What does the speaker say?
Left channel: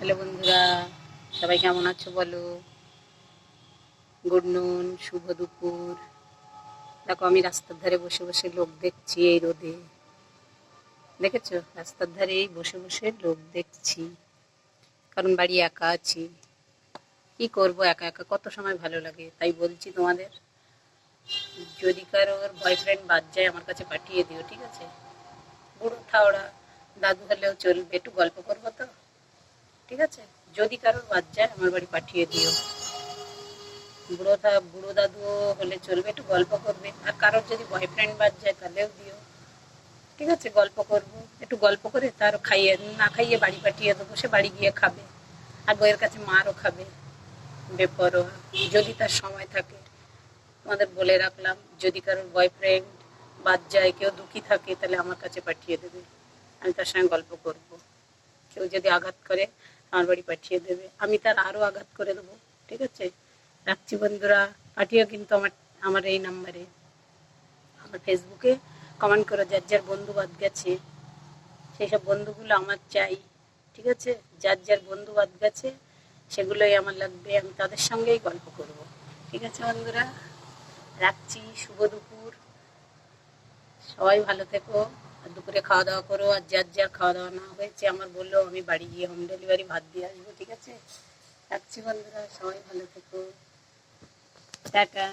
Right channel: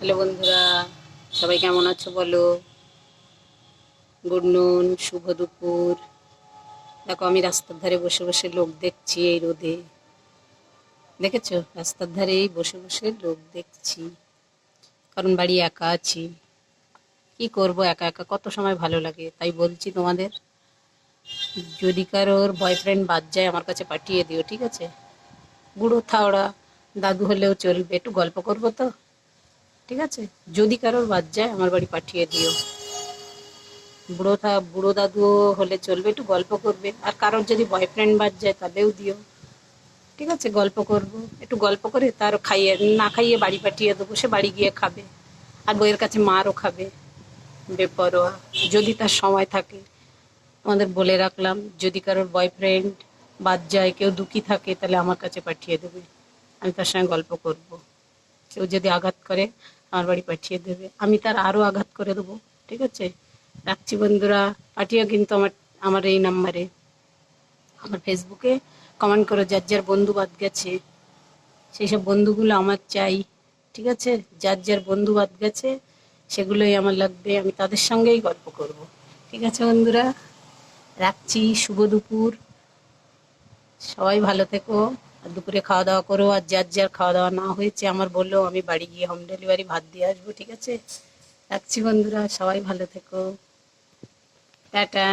Hello বন্ধুরা, সবাই কেমন আছো বলো? গুড নুন, শুভ দুপুর। দেখো, আমি রাস্তার ধারে বসে বসে লোক দেখছি এই রোদে। দেখেছো? রাস্তার ধারেই বসে বসে লোক দেখছি, কারণ বাড়ি একা আছি। কি করব, একা একা কত সময় ভালো লাগে, তাই বলছি তোমাদের, যদি কারোর বয়ফ্রেন্ড বাদ যায় আমার কাছে পাঠিয়ে দিও, ঠিক আছে? বুড়ো থাওড়া দাদু হলেও চলবে, একটু গল্প করবো তো, ঠিক আছে? যদি কারোর বাদ যায় আমার বাড়ি পাঠিয়ে দিও। বুড়ো দাদুও হলে চলবে, একটু গল্প করবে। আর কারোর যদি বয়ফ্রেন্ড বাদ যায় তাহলেও দিও, ঠিক আছে? গল্প করব, একটু গল্প করে তার খাইয়ে না খাইয়ে বাড়ি পাঠিয়ে দেবো, সে বাড়ি গিয়ে খাবে, আর বইয়ের কাছে মারও খাবে। বেপরোয়া। যদি তার সময় থাকে, তোমাদের বলে রাখলাম, যদি কারোর বয়ফ্রেন্ড বাদ যায়, কেউ দুঃখী থাকে, তাহলে আমার কাছে পাঠিয়ে দেবে, আমি তার সঙ্গে গল্প করব। কেউ যদি আঘাত করে আমার বাড়ি পাঠিয়ে দেবে, আমি তার আরও আঘাত করে দেবো, ঠিক আছে? রাখছি বন্ধুরা, পাঠিও কিন্তু আমার আমার এই নাম্বারে। আমার ফেসবুকে কমেন্ট করো, যার যার বন্ধু বাদ গেছে সেই সব বন্ধুগুলো আমার চাই, ঠিক আছে? যার যার বন্ধু বাদ গেছে সেগুলোই আমার লাগবে, আমি তাদের সঙ্গেই গল্প করব, ঠিক আছে বন্ধুরা? রাখছি, শুভ দুপুর। সবাই ভালো থেকো, আর দুপুরে খাওয়া দাওয়া করো, আর যার যার খাওয়া দাওয়া না হয়েছে আমার বললো, আমি বাড়ি গিয়ে হোম ডেলিভারি ভাত দিয়ে আসবো, ঠিক আছে? রাখছি বন্ধুরা, সবাই ভালো থেকো। টাটা।